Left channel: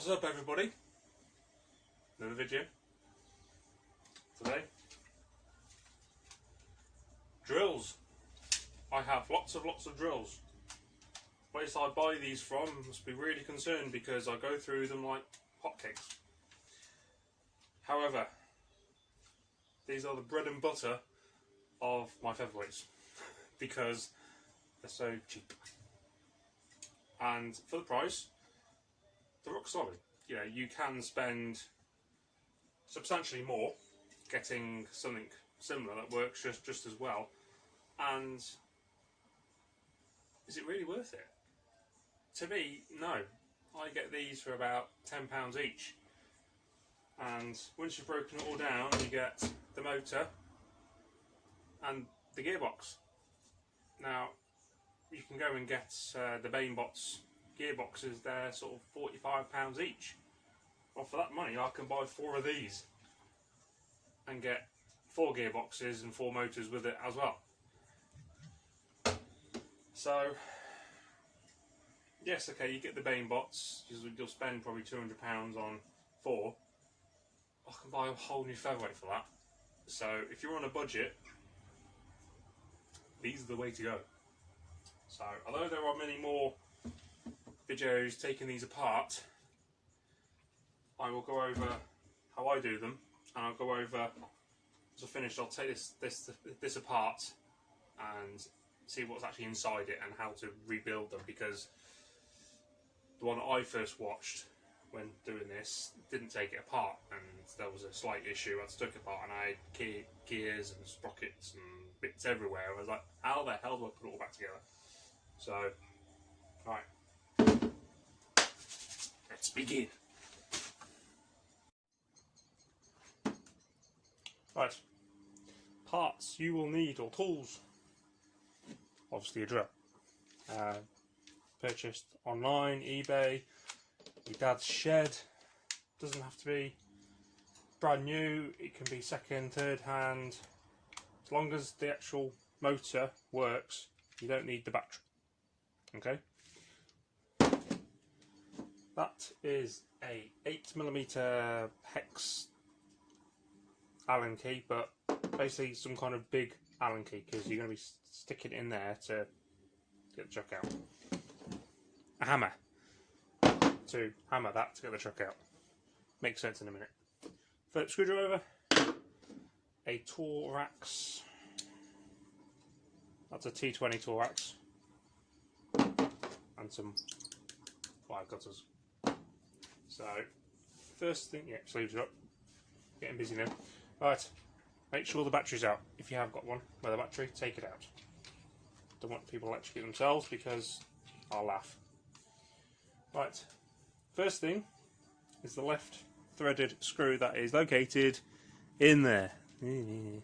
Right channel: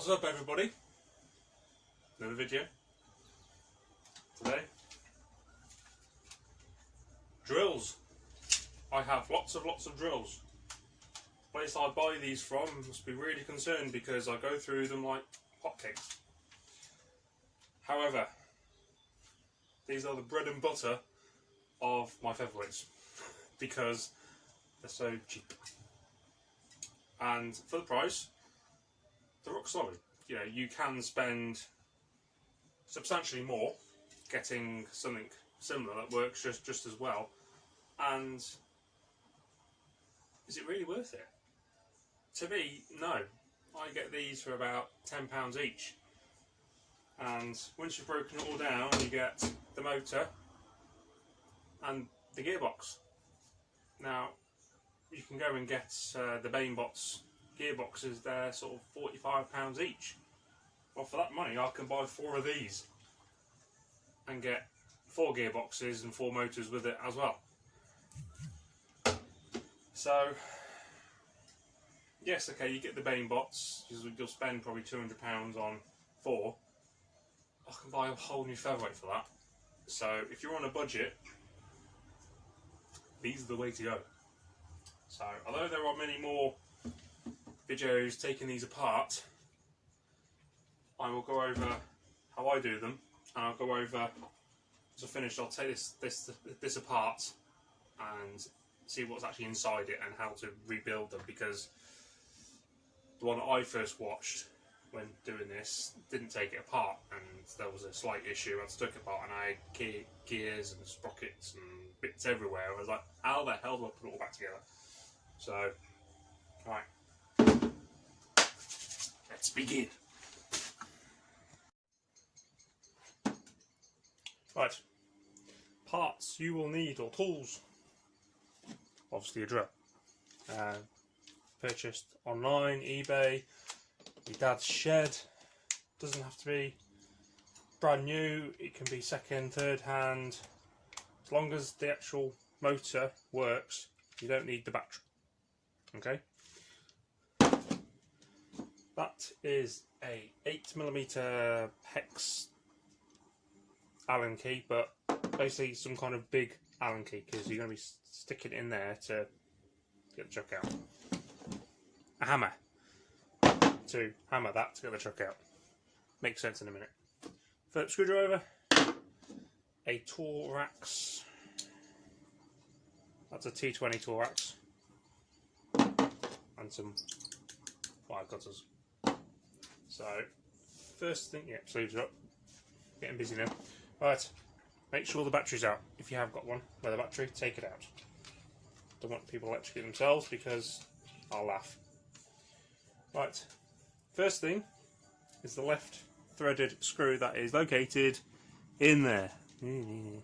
What's up, everybody? Another video today. Drills. I have lots of drills. The place I buy these from must be really concerned because I go through them like hotcakes. However, these are the bread and butter of my featherweights because they're so cheap. And for the price, they're rock solid. You know, you can spend substantially more getting something similar that works just as well. And is it really worth it? To me, no. I get these for about £10 each. And once you've broken it all down, you get the motor and the gearbox. Now, you can go and get the Mainbots gearboxes, they're sort of £45 each. Well, for that money I can buy 4 of these and get 4 gearboxes and 4 motors with it as well. So yes, okay, you get the Mainbots, you'll spend probably £200 on 4. I can buy a whole new featherweight for that. So if you're on a budget, these are the way to go. So although there are many more videos taking these apart, I will go over how I do them, and I'll go over, as I finish, I'll take this apart and see what's actually inside it and how to rebuild them, because the one I first watched when doing this didn't take it apart, and there was a slight issue. I took it apart and I had gears and sprockets and bits everywhere. I was like, how the hell do I put it all back together? So, alright, let's begin. Right, parts you will need, or tools. Obviously a drill. Purchased online, eBay, your dad's shed. Doesn't have to be brand new, it can be second, third hand. As long as the actual motor works, you don't need the battery. Okay? That is a 8mm hex Allen key, but basically some kind of big Allen key, because you're going to be sticking it in there to get the chuck out. A hammer to hammer that to get the chuck out. Makes sense in a minute. Phillips screwdriver, a Torx, that's a T20 Torx, and some wire cutters. So, first thing, yeah, sleeves are up, getting busy now. Right, make sure the battery's out. If you have got one with a battery, take it out. Don't want people to electrocute themselves because I'll laugh. Right, first thing is the left threaded screw that is located in there. 9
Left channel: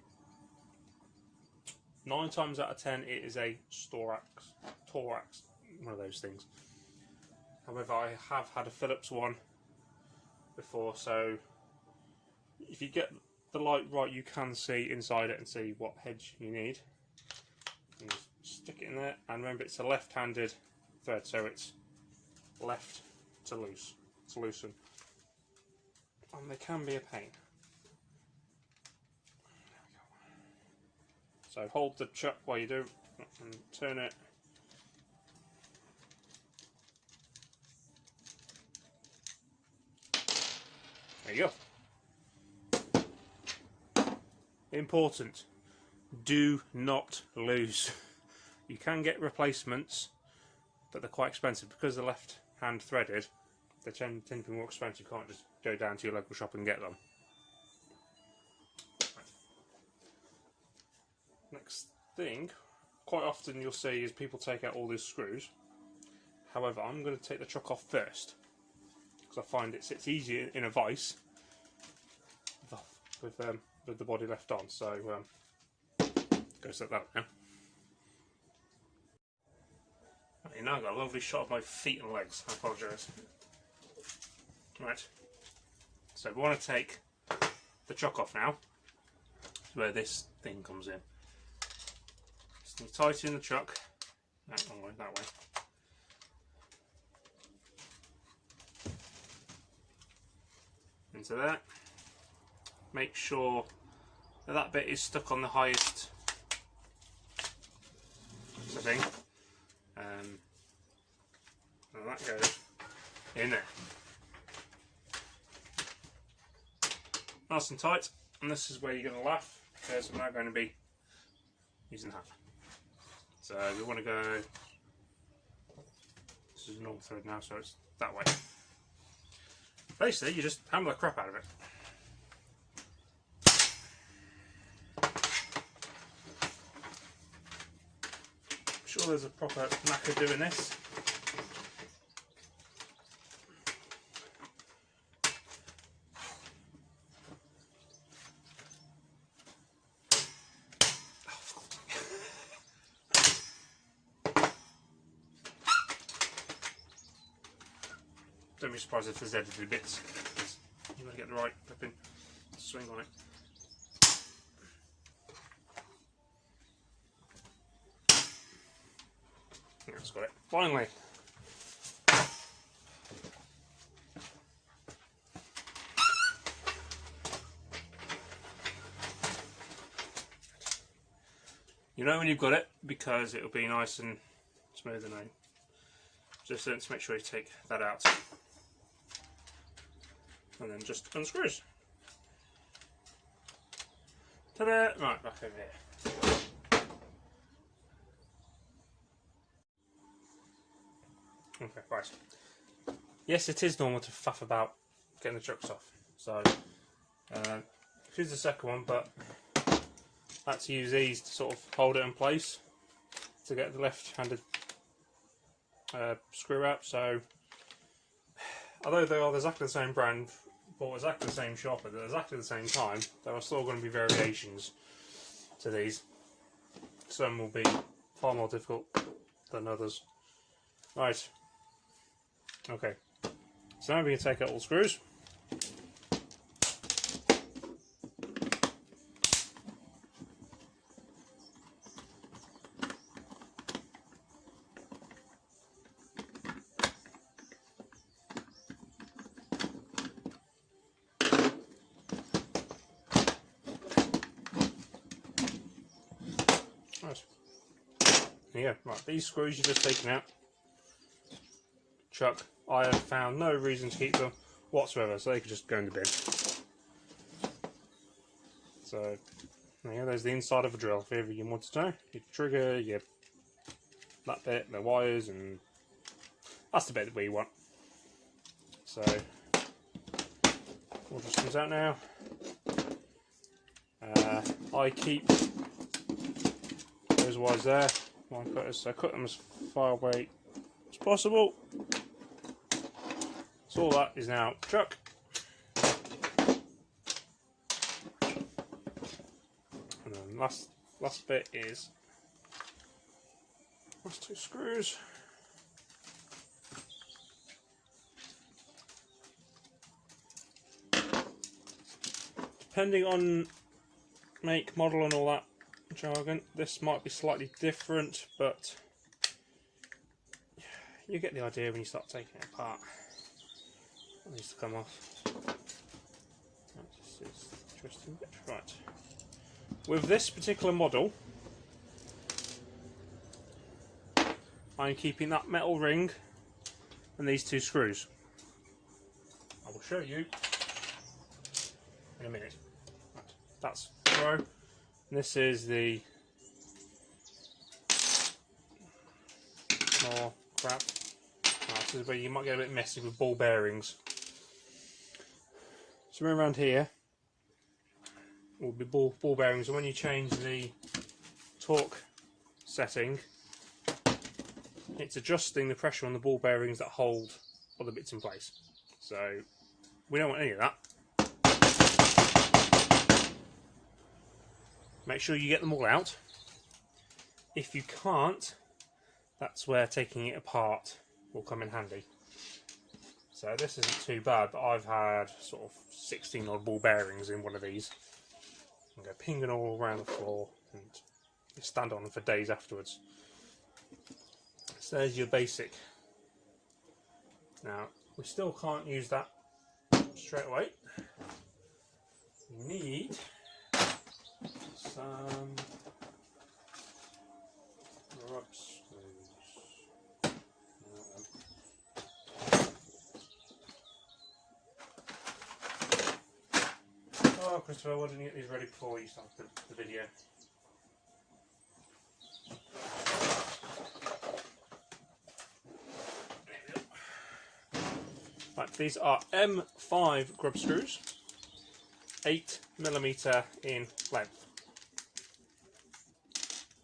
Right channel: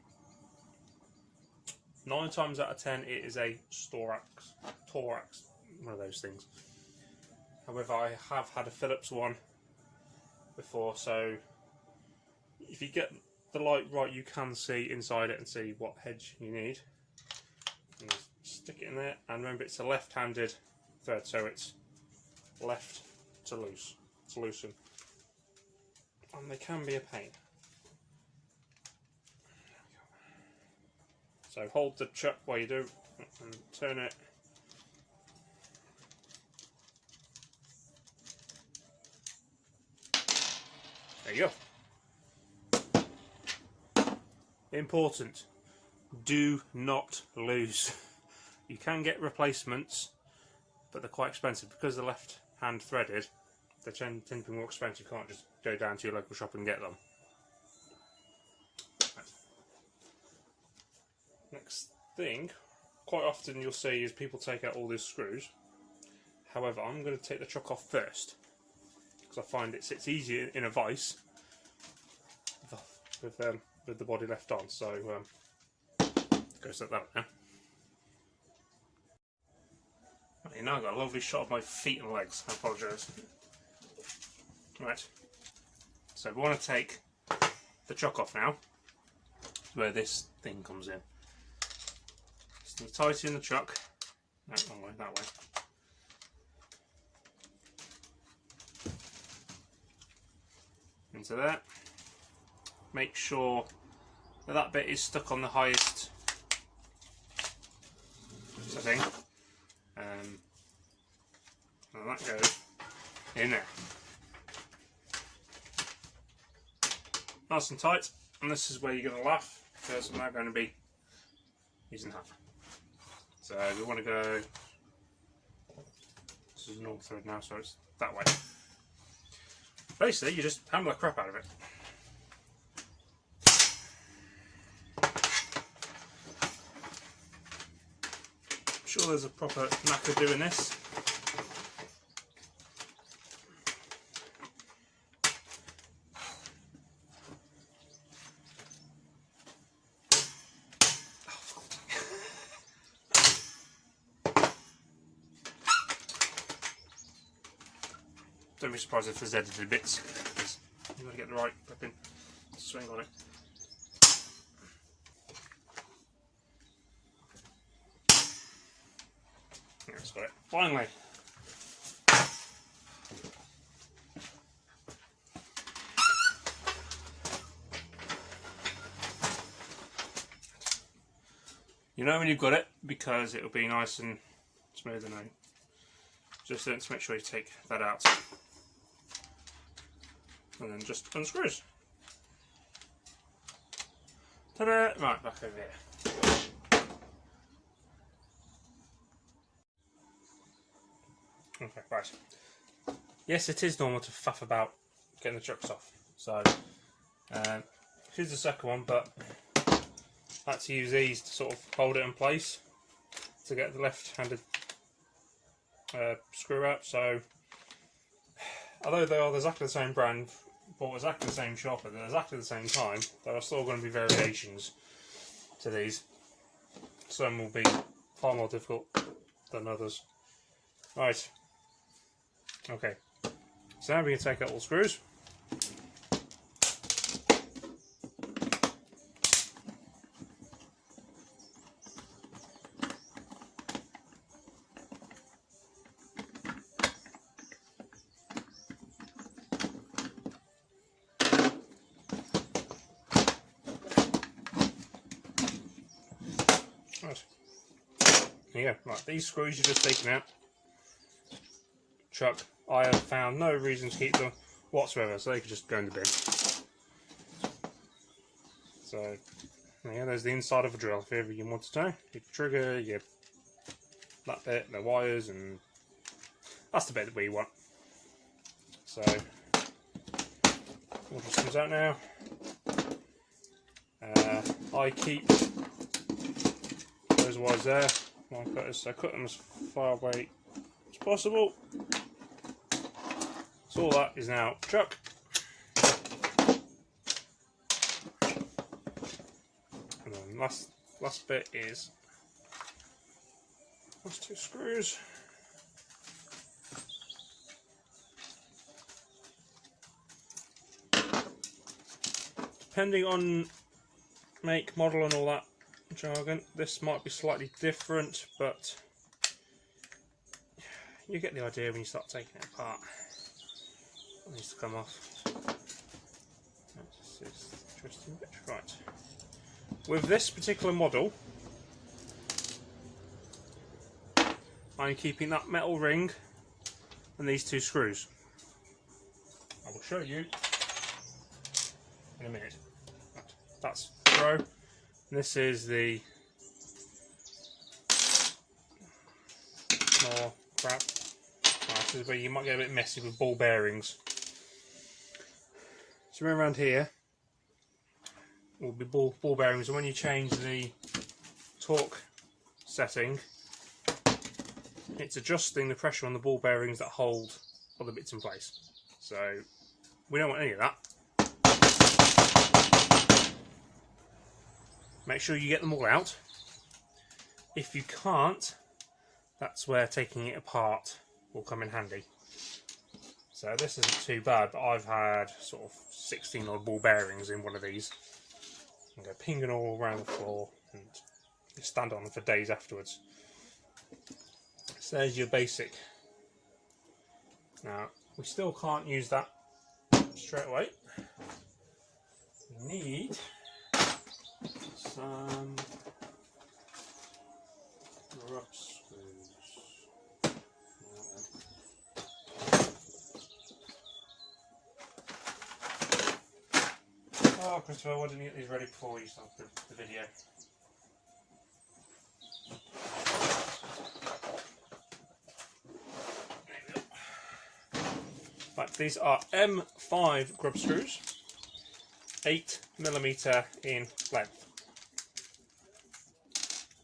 times out of 10 it is a Torx, one of those things. However, I have had a Phillips one before, so if you get the light right, you can see inside it and see what hedge you need. And just stick it in there, and remember it's a left-handed thread, so it's left to loosen. And they can be a pain. There we go. So hold the chuck while you do and turn it. There you go. Important, do not lose. You can get replacements, but they're quite expensive because they're left hand threaded. They tend to be more expensive. You can't just go down to your local shop and get them. Right. Next thing, quite often you'll see is people take out all these screws. However, I'm going to take the chuck off first because I find it sits easier in a vise with the body left on. So go set that up now. Okay, now I've got a lovely shot of my feet and legs. I apologise. Right, so we want to take the chuck off now, where this thing comes in. So tighten the chuck, no, wrong way, that way. into there. Make sure that that bit is stuck on the highest setting. And that goes in there. Nice and tight. And this is where you're going to laugh, because I'm now going to be using that. So we want to go, this is a normal thread now, so it's that way. Basically, you just hammer the crap out of it. I'm sure there's a proper knack of doing this. Don't be surprised if there's edited bits, because you've got to get the right flipping swing on it. That's got it. Finally. You know when you've got it, because it'll be nice and smooth and then just let's make sure you take that out. And then just unscrews. Ta-da! Right, back over here. Okay, right. Yes, it is normal to faff about getting the chucks off. So, here's the second one, but I had to use these to sort of hold it in place to get the left-handed screw out. So, although they are exactly the same brand, bought exactly the same shop at exactly the same time, there are still going to be variations to these. Some will be far more difficult than others. Right. Okay. So now we can take out all the screws. Yeah, right, these screws you've just taken out, chuck, I have found no reason to keep them whatsoever, so they could just go in the bin. So, yeah, there's the inside of a drill, if ever you want to know. Your trigger, your that bit, the wires, and that's the bit that we want. So, all just comes out now. I keep those wires there. So cut them as far away as possible. So all that is now chuck. And then last bit is last two screws. Depending on make, model and all that jargon, this might be slightly different, but you get the idea when you start taking it apart. It needs to come off. That's an interesting bit. Right. With this particular model, I'm keeping that metal ring and these two screws. I will show you in a minute. Right. That's throw. This is the oh crap. This is where you might get a bit messy with ball bearings. So around here will be ball bearings, and when you change the torque setting, it's adjusting the pressure on the ball bearings that hold other bits in place. So we don't want any of that. Make sure you get them all out. If you can't, that's where taking it apart will come in handy. So this isn't too bad, but I've had sort of 16 odd ball bearings in one of these. And go pinging all around the floor and stand on them for days afterwards. So there's your basic. Now, we still can't use that straight away. we need some rub screws. Oh, Christopher, why didn't you get these ready before you started the video? Right, these are M5 grub screws, 8mm in length.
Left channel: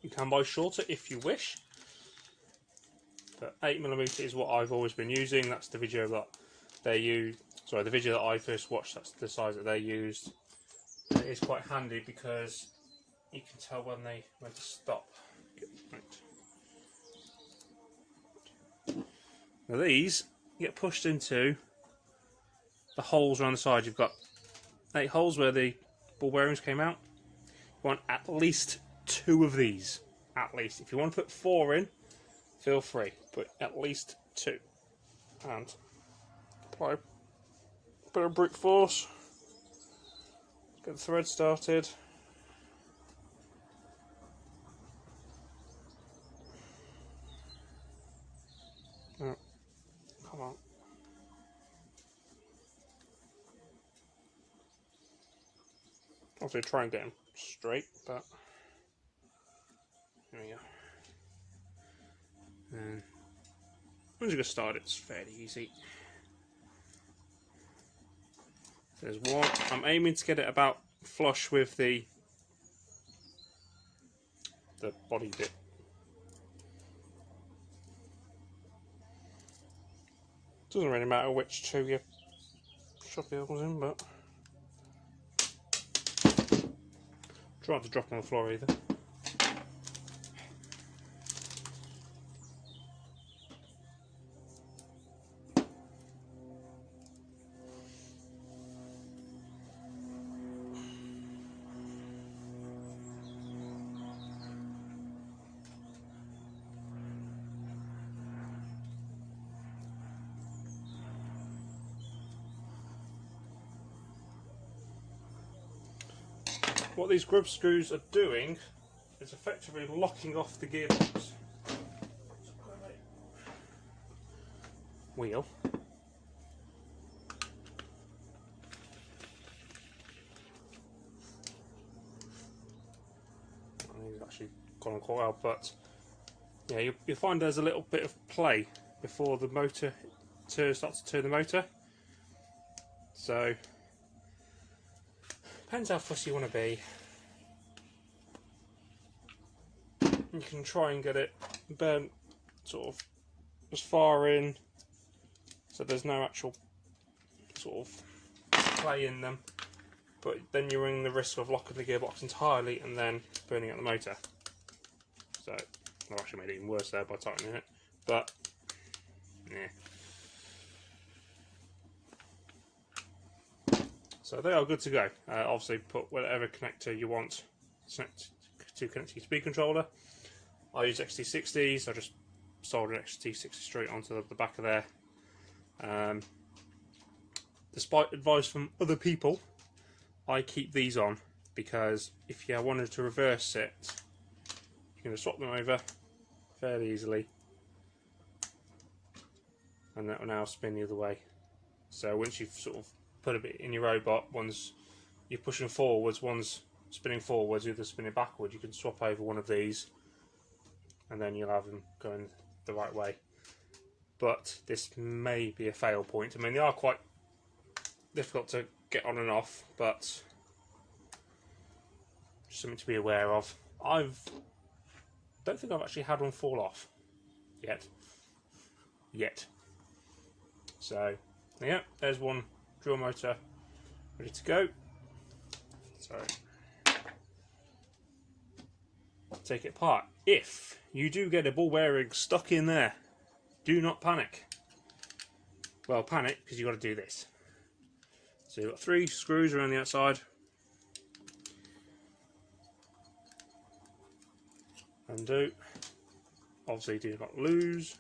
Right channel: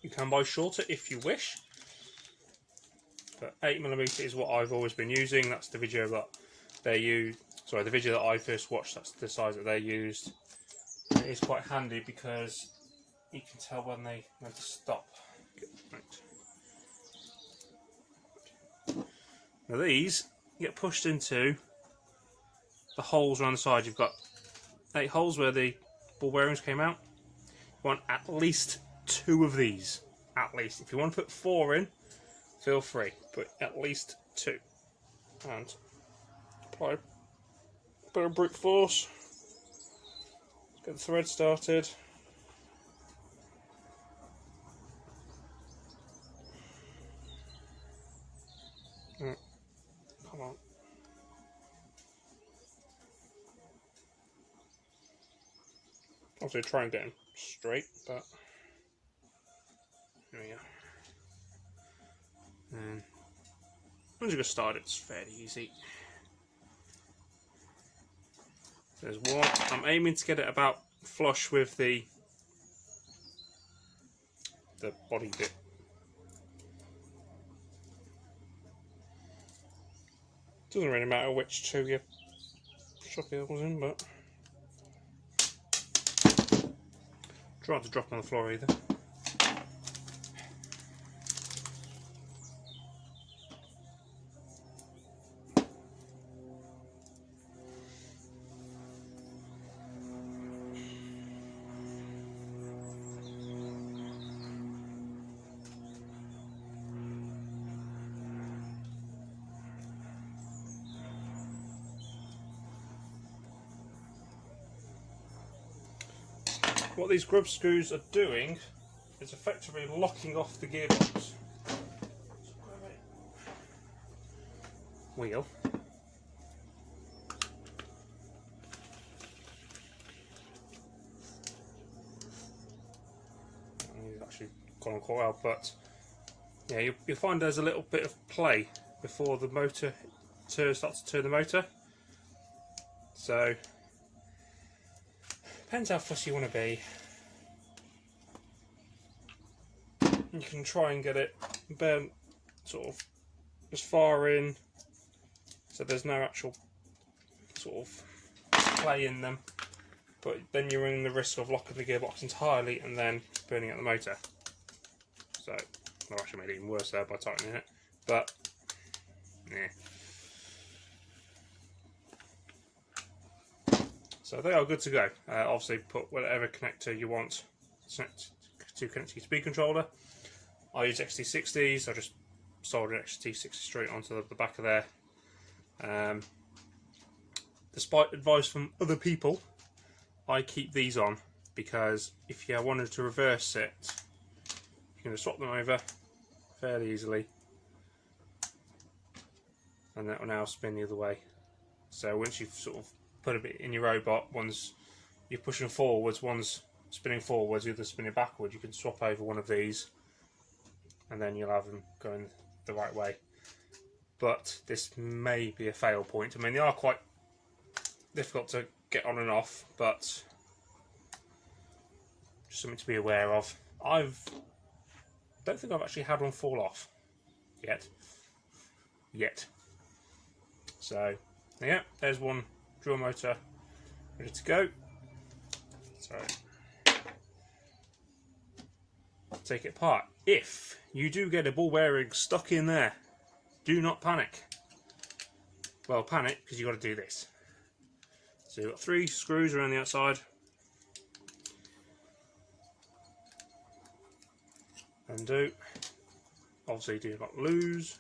You can buy shorter if you wish, but 8mm is what I've always been using. That's the video that they use. Sorry, the video that I first watched. That's the size that they used. And it's quite handy because you can tell when to stop. Now these get pushed into the holes around the side. You've got 8 holes where the ball bearings came out. You want at least 2 of these. At least. If you want to put 4 in, feel free. But at least 2. And apply a bit of brute force. Get the thread started. Oh, come on. Obviously try and get them straight, but there we go. And once you get started, it's fairly easy. There's one. I'm aiming to get it about flush with the body bit. Doesn't really matter which 2 you shove the holes in, but try not to drop on the floor either. What these grub screws are doing is effectively locking off the gearbox wheel. He's actually gone on quite well, but yeah, you'll find there's a little bit of play before the motor starts to turn the motor. So depends how fussy you want to be. You can try and get it burnt sort of as far in so there's no actual sort of play in them, but then you're in the risk of locking the gearbox entirely and then burning out the motor. So I actually made it even worse there by tightening it, but yeah. So they are good to go. Obviously put whatever connector you want to connect to your speed controller. I use XT60s, I just soldered an XT60 straight onto the back of there. Despite advice from other people, I keep these on because if you wanted to reverse it, you can just swap them over fairly easily and that will now spin the other way. So once you've sort of put a bit in your robot, one's you're pushing forwards, one's spinning forwards, the other's spinning backwards, you can swap over one of these and then you'll have them going the right way. But this may be a fail point. I mean, they are quite difficult to get on and off, but just something to be aware of. I don't think I've actually had one fall off yet. So yeah, there's one drill motor ready to go. So take it apart. If you do get a ball bearing stuck in there, do not panic. Well, panic because you've got to do this. So you've got 3 screws around the outside. Undo. Obviously do not lose.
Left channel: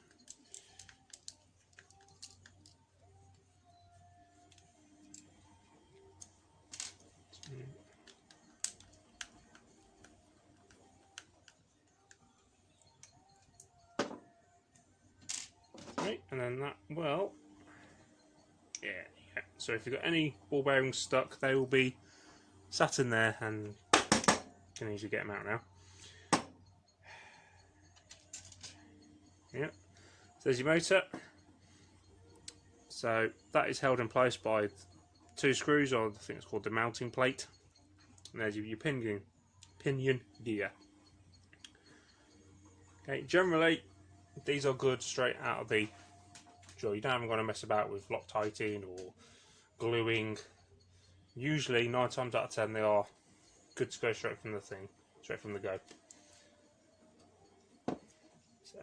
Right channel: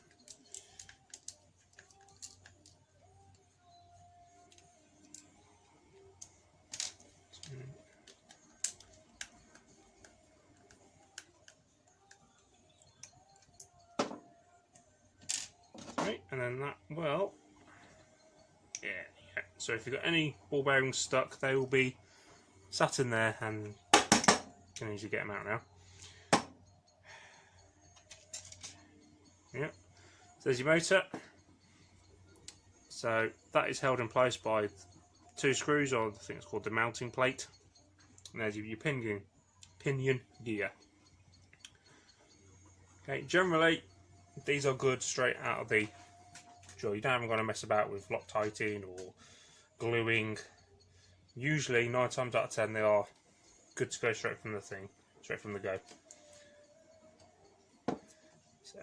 So if you've got any ball bearings stuck, they will be sat in there, and you can easily get them out now. Yep. So there's your motor. So that is held in place by 2 screws, or I think it's called the mounting plate. And there's your pinion gear. Okay, generally these are good straight out of the drill. You don't even got to mess about with Loctiting or gluing. Usually 9 times out of 10 they are good to go straight from the thing, straight from the go. So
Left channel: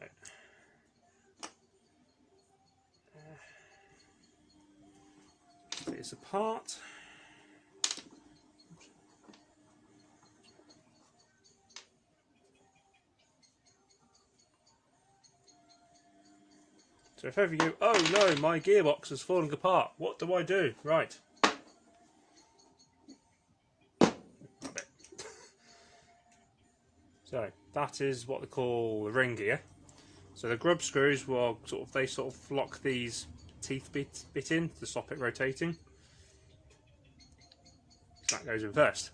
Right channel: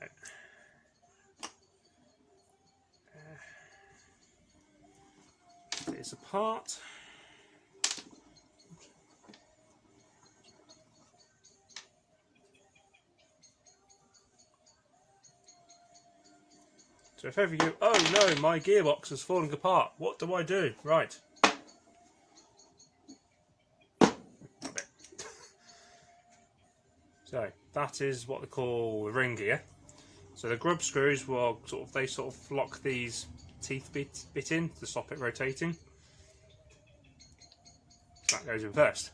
it's apart. So if ever you, oh no, my gearbox is falling apart, what do I do? Right. So that is what they call the ring gear. So the grub screws will they sort of lock these teeth bit in to stop it rotating. That goes in first.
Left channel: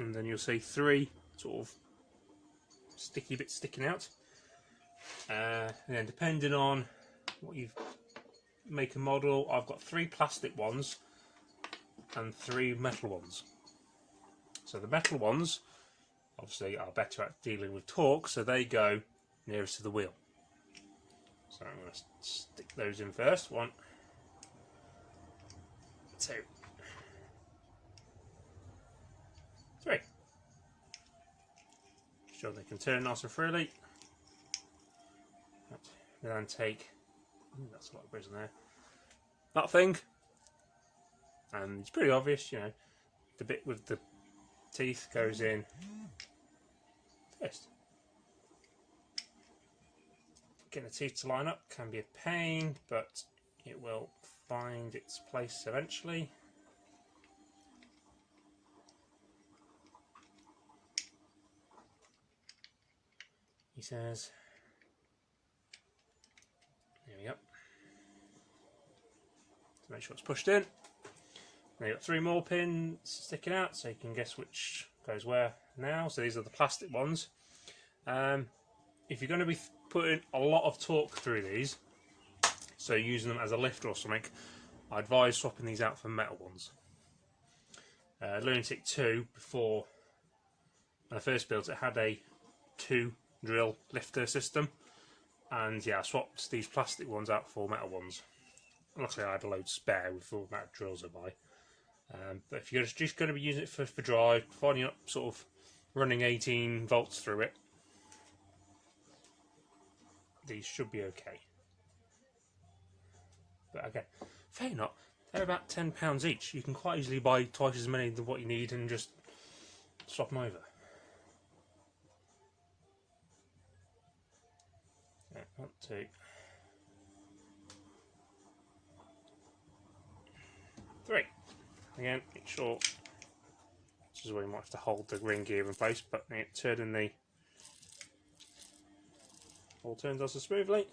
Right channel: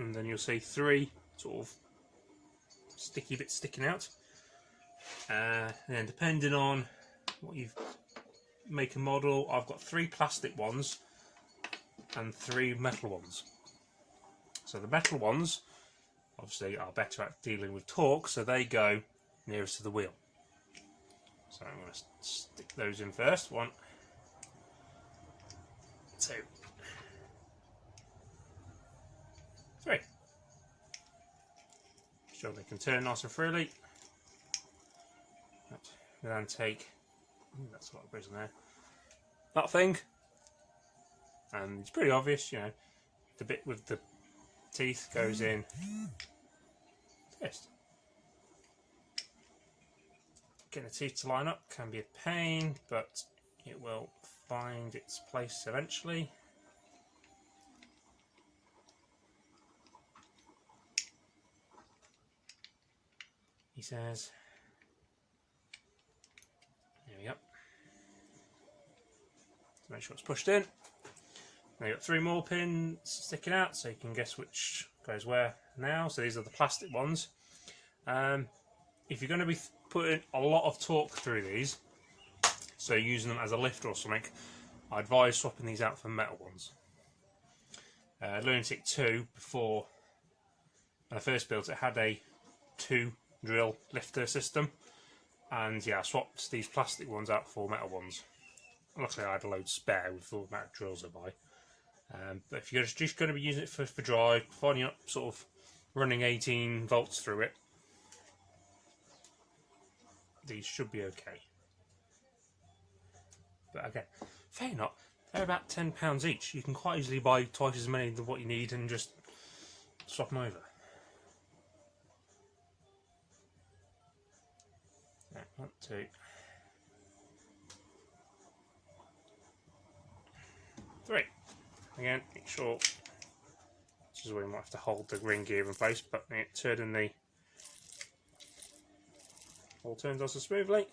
And then you'll see 3 sort of sticky bits sticking out. And then depending on what you've make and model, I've got 3 plastic ones and 3 metal ones. So the metal ones obviously are better at dealing with torque, so they go nearest to the wheel. So I'm going to stick those in first. 1, 2, 3. Sure they can turn nice and freely. We then take, that's a lot of prison there, that thing, and it's pretty obvious, you know, the bit with the teeth goes in first. Getting the teeth to line up can be a pain, but it will find its place eventually. He says. There we go. Make sure it's pushed in. Now you've got 3 more pins sticking out, so you can guess which goes where now. So these are the plastic ones. If you're going to be putting a lot of torque through these, so using them as a lift or something, I advise swapping these out for metal ones. Lunatic 2, before when I first built it, had a 2 drill lifter system, and yeah, I swapped these plastic ones out for metal ones. Luckily I had a load spare with all the amount of drills I buy. But if you're just going to be using it for drive, finding up sort of running 18 volts through it, these should be okay. But again, fair enough, they're about £10 each. You can quite easily buy twice as many of what you need and just swap them over. Yeah, 1, 2. Again, make sure this is where you might have to hold the ring gear in place, but turning the all turns also smoothly.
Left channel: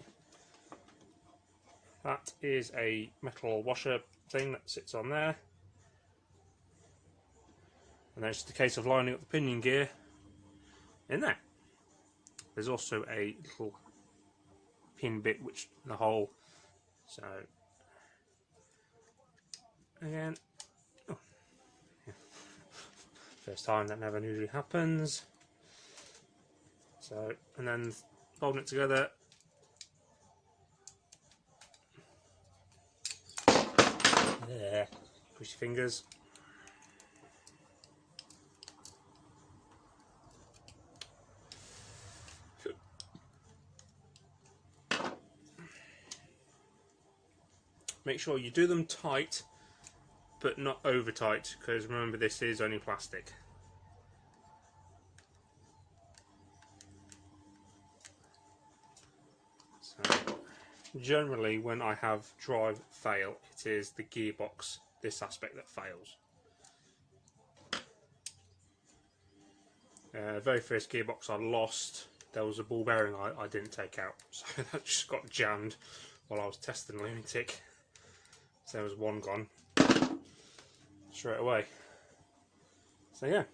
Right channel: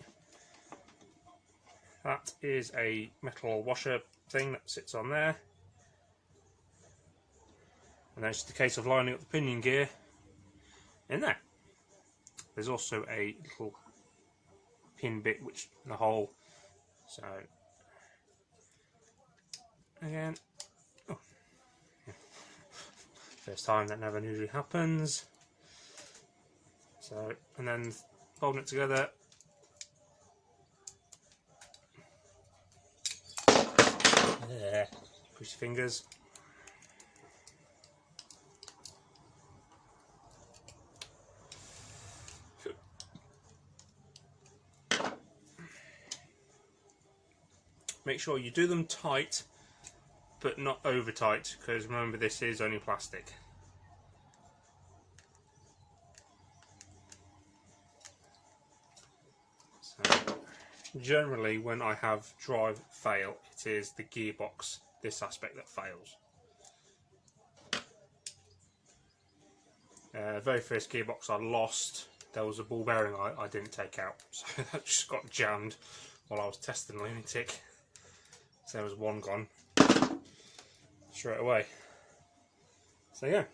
That is a metal washer thing that sits on there, and then it's just a case of lining up the pinion gear in there. There's also a little pin bit which in the hole, so again. First time, that never usually happens. So, and then folding it together. There. Push your fingers. Make sure you do them tight, but not over tight, because remember this is only plastic. So, generally when I have drive fail, it is the gearbox, this aspect, that fails. Very first gearbox I lost, there was a ball bearing I didn't take out, so that just got jammed while I was testing the lunatic. So there was one gone straight away. So yeah,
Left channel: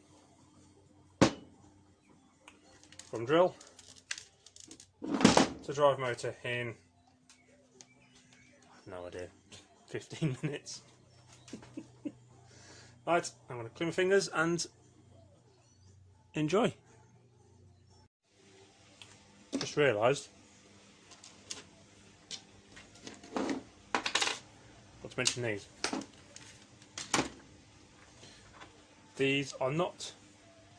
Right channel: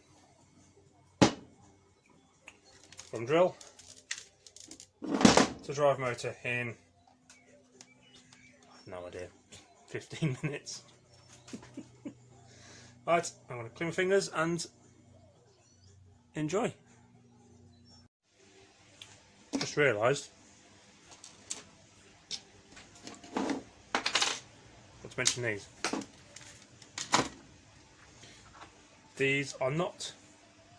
from drill to drive motor in, no idea, 15 minutes. Right, I'm going to clean my fingers and enjoy. Just realised, got to mention these. These are not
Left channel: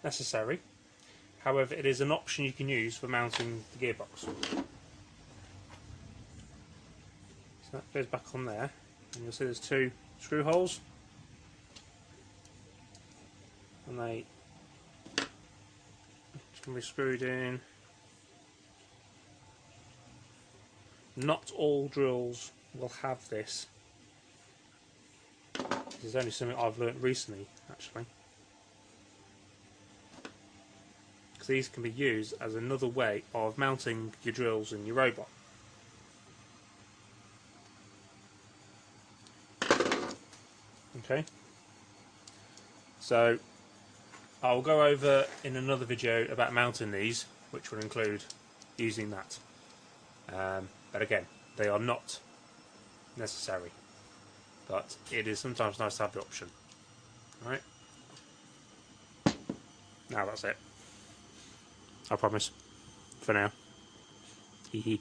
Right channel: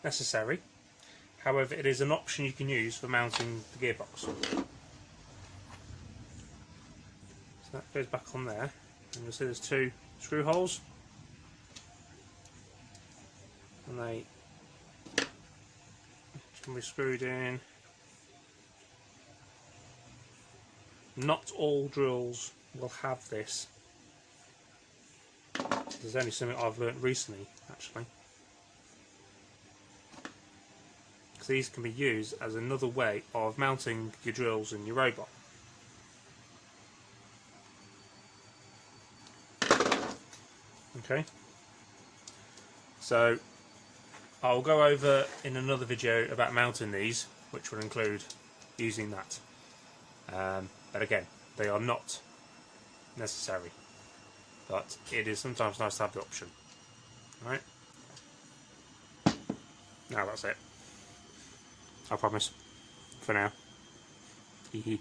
necessary, however it is an option you can use for mounting the gearbox. So that goes back on there, and you'll see there's two screw holes, and they can be screwed in. Not all drills will have this. This is only something I've learnt recently, actually. Because these can be used as another way of mounting your drills in your robot. Okay. So I'll go over in another video about mounting these, which will include using that. But again, they are not necessary, but it is sometimes nice to have the option. Alright? Now that's it. I promise. For now. Hee hee.